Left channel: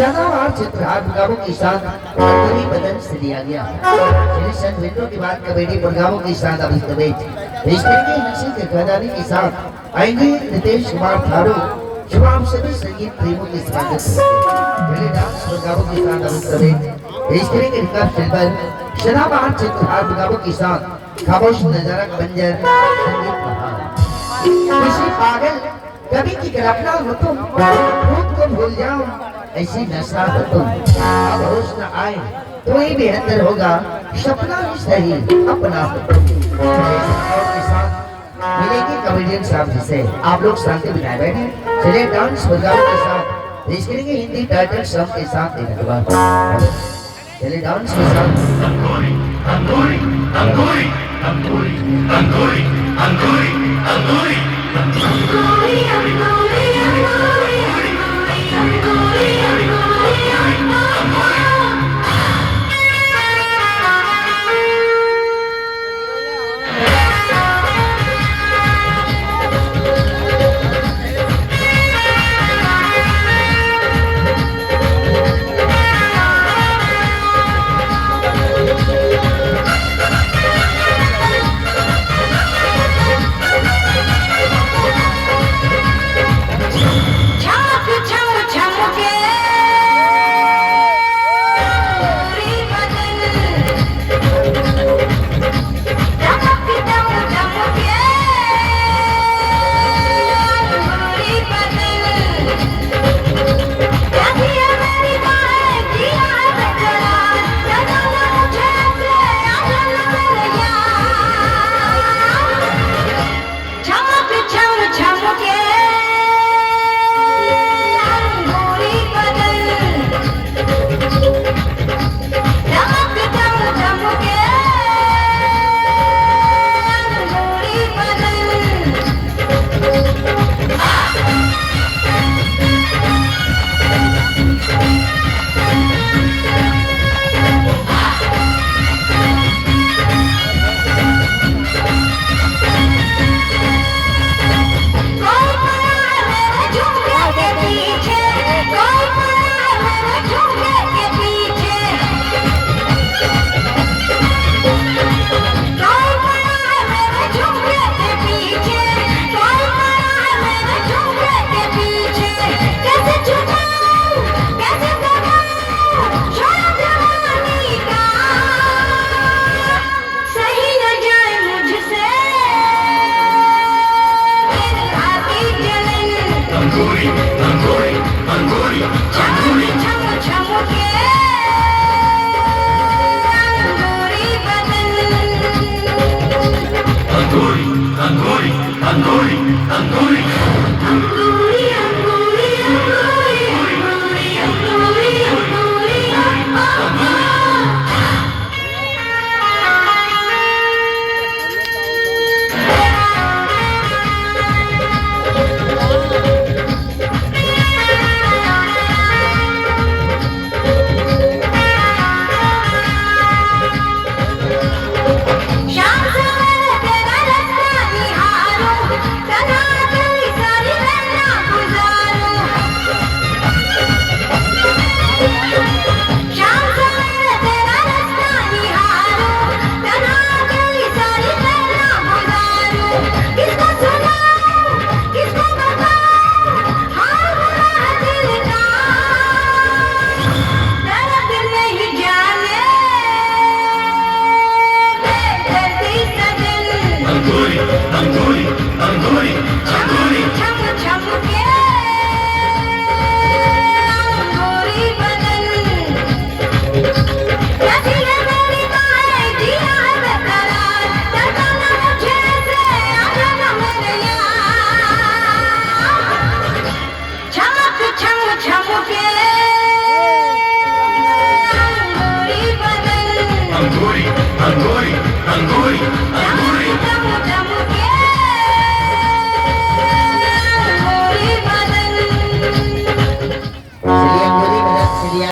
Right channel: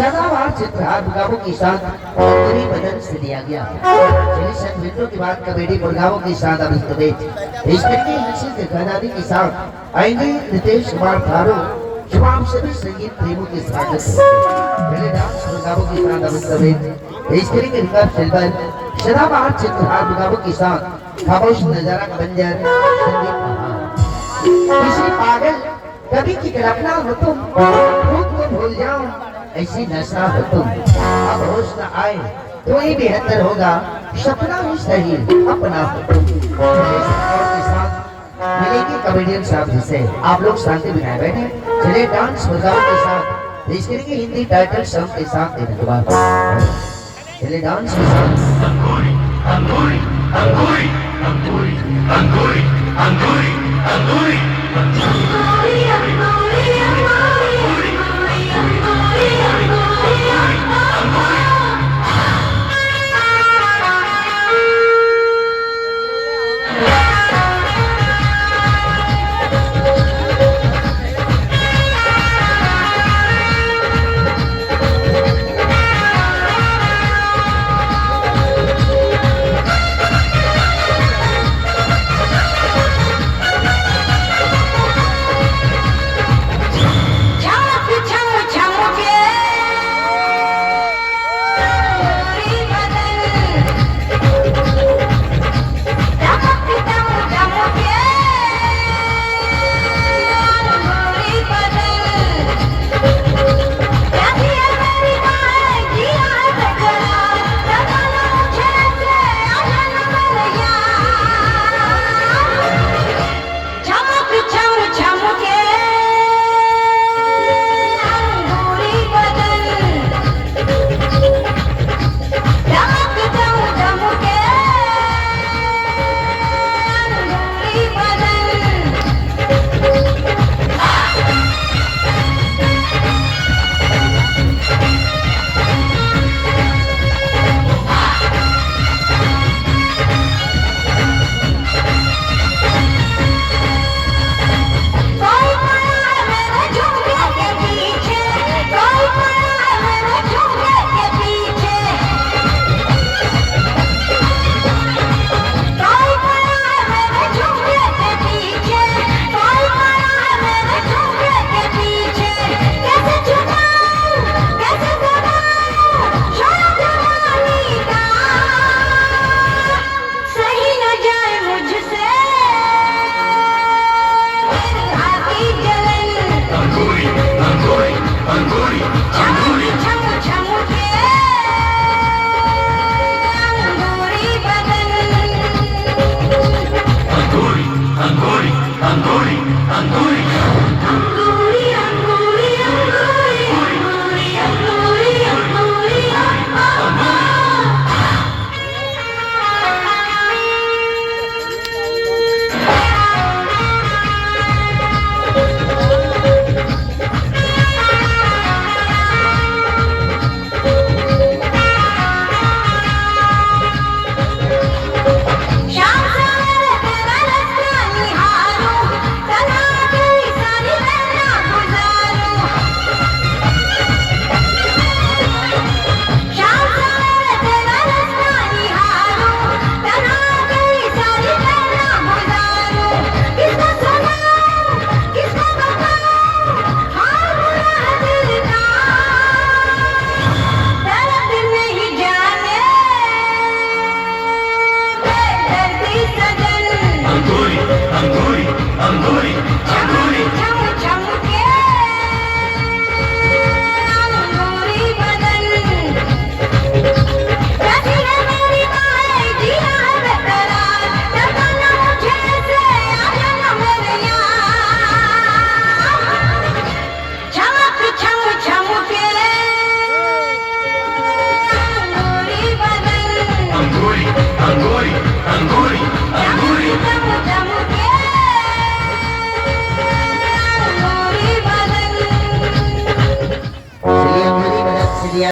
सदाबहार चित्रहार मुकाबलों के साथ कवि बदन से दिया गया। चलिए सन मिनटों के बाद कबड्डी मुकाबलों के साथ अब इस तरीके हंसी के खजानी के साथ आएंगे नितेश कुमार थारू। जवाब सभी संगीत प्रेमियों के स्वागत पहले डांस मुकाबलों के साथ अब इस करेंगे रिकॉर्ड फिल्म सदाबहार चित्रहार मुकाबलों के साथ खामोश नजारा बंजर किसी पागल कभी की कल्पना हो तुम खुद को भूल जाओ ऐसी नशा हो तुम अब होश न आए तो ये बेहतर होगा सपना ही सही अपना हो तुम। के साथ मिलेगी कॉमेडियन साहब जिसे आप लोग शांति बनाए बैठे चले डांस प्रोग्राम के साथ पेश करेंगे हिंदी टाइटल सॉन्ग के साथ देने के बाद चले डांस के साथ अंगूरी अंगूरी अंगूरी अंगूरी अंगूरी अंगूरी